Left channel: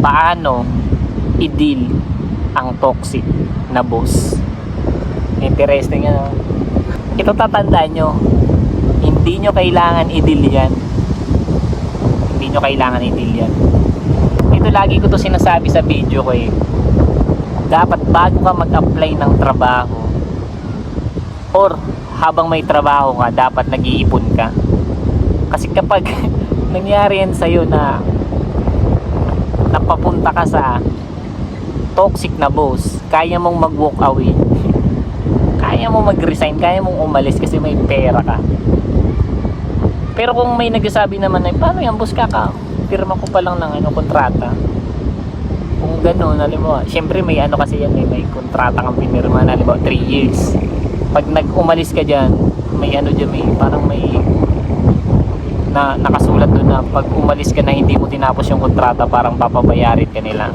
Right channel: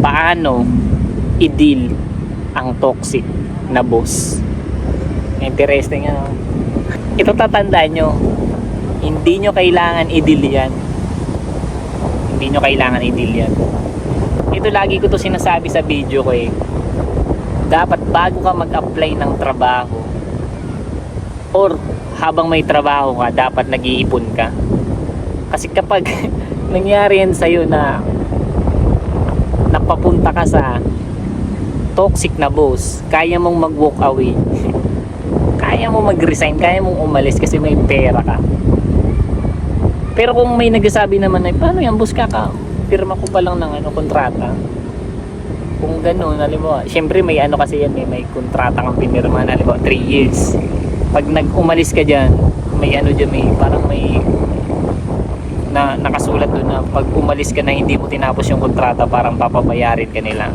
paano i-deal ang toxic na boss. Interesting yan. Ito tatandaan nyo, hindi nyo kailangan i-deal yan. Hindi nyo kailangan i-deal yan. Ito lagi ko to sinasabi sa video ko eh. Dapat bago ka mag-apply ng trabaho or habang may trabaho ka, dapat nag-iipon ka. Kasi kapag nangyari yan sa'yo na napapunta ka sa toxic na boss, kaya mong mag-walk away, kaya mong mag-resign, kaya mong umalis kasi may pera ka. Pero kung may nagsasabi naman na paano yan boss, pirma ko pa lang ng kontrata, kung gano'n, alam mo, siyempre may kasi yan, may kontrata kang pinirma na, alam mo, 3 years. Pag nag-umalis ka dyan, may dyan, may parang may nakasulat doon na pag umalis ka na hindi mo tinapos yung kontrata, parang papabayarin ka nila.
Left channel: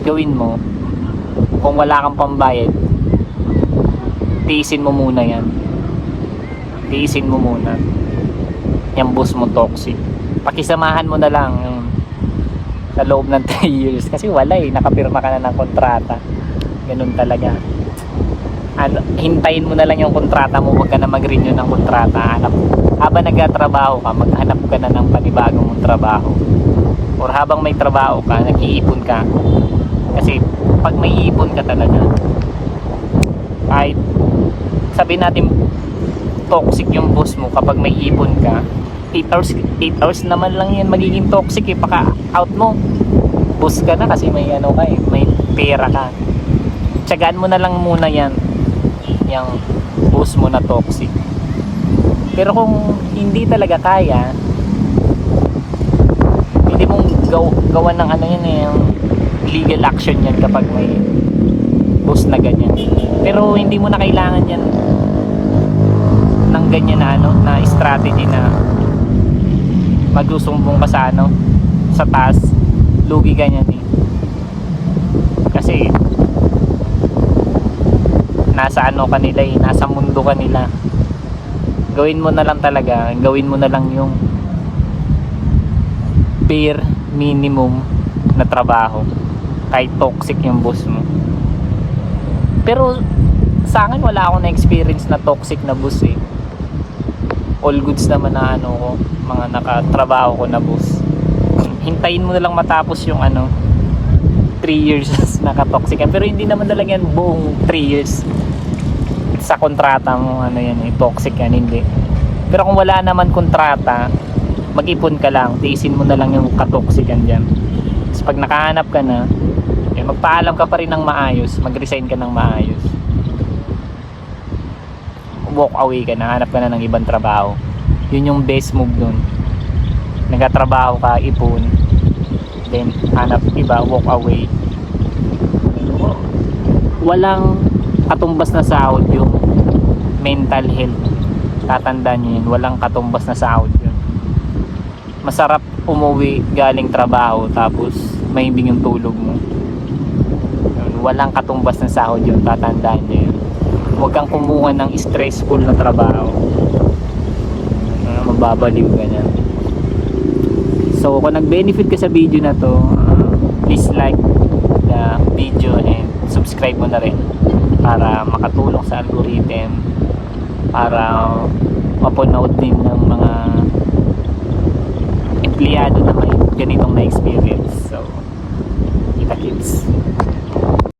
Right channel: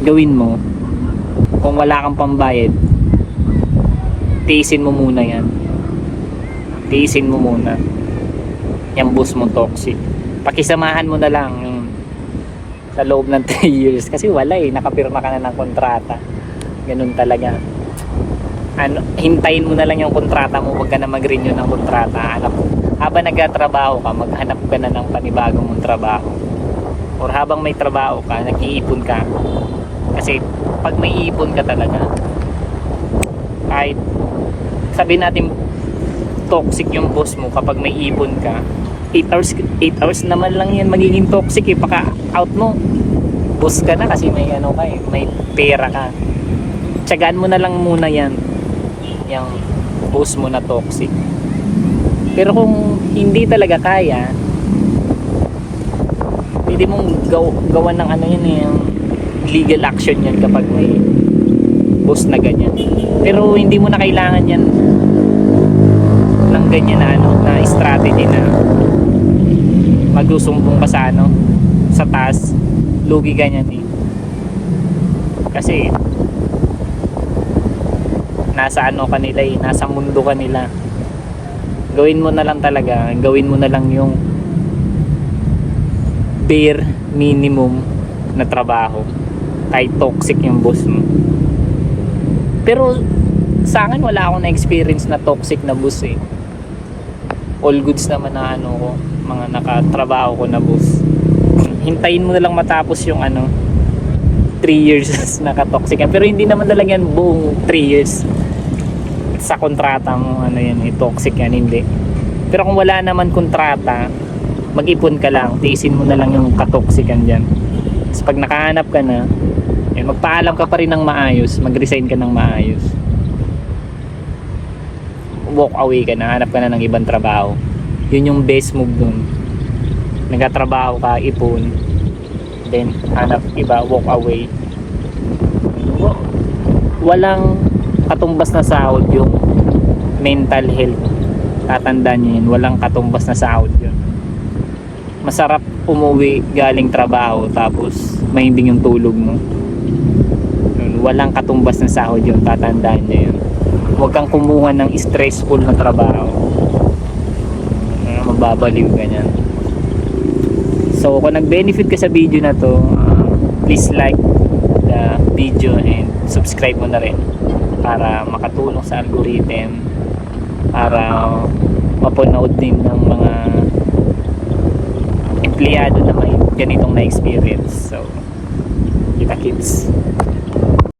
Gawin mo, kung wala kang pambayad, tiisin mo muna yan. Tiisin mo muna yung boss mo toxic. Pakisamahan mo na lang yung sa loob ng 3 years kasi wala nakapirma ka na ng kontrata. Ganun talaga. Hintayin mo na lang yung kontrata mo, wag ka na mag-renew ng kontrata. Habang nagtatrabaho ka, maghanap ka na ng panibagong mong trabaho. Or habang may trabaho ka, nag-iipon ka. Kasi pag may iipon ka talaga, kahit sabihin natin toxic yung boss mo, kapag may ipon ka, 8 hours naman lang yan magiging toxic paka out mo, boss ka na kasi may may pera ka. Tiyagaan mo na lang muna yan, yung boss mo na toxic. Pero kung hindi talaga kaya, hindi mong gawan ng yung legal action yan kapag may boss na ganyan. Pero hindi mo na kailangan yan ng ganyan na strategy na magsusumbong ka sa taas, lugi ganyan kasi nasa kanila nasa mundo kanila. Gawin mo na lang talaga, gawin mo na lang yung bare minimum na trabaho kahit toxic yung boss mo. Pero sa akin wala akong na-experience na toxic na boss all goods naman na ko, mga nakatrabaho ko na boss. Hintayin mo na lang matapos yung 3 years naka-toxic. Pero hindi naman talaga yan buong 3 years sa kontrata mo toxic yan, hindi. Pero kung wala naman kontrata, mag-ipon ka lang, tiisin mo na lang yung katoxican dyan. Tapos pag nakahanap ka na, magpaalam ka pa rin ng maayos, mag-resign ka ng maayos, walk away ka na, hanap ka na ng ibang trabaho. Yun yung best move dun. Nagtatrabaho ka, ipon, then hanap iba, walk away. Walang katumbas na sahod yung mental health. Tatandaan nyo yun, walang katumbas na sahod yun. Masarap umuwi galing trabaho tapos mahinding yung tulog mo. Walang katumbas na sahod yun, tatandaan nyo yun. Huwag kang kumuha ng stressful na trabaho, mababaliw ganyan. So kung nag-benefit ka sa video na to, please like the video and subscribe mo na rin para makatulong sa algorithm, para mapanood din ng mga empleyado na may ganitong na experience. So kita kits.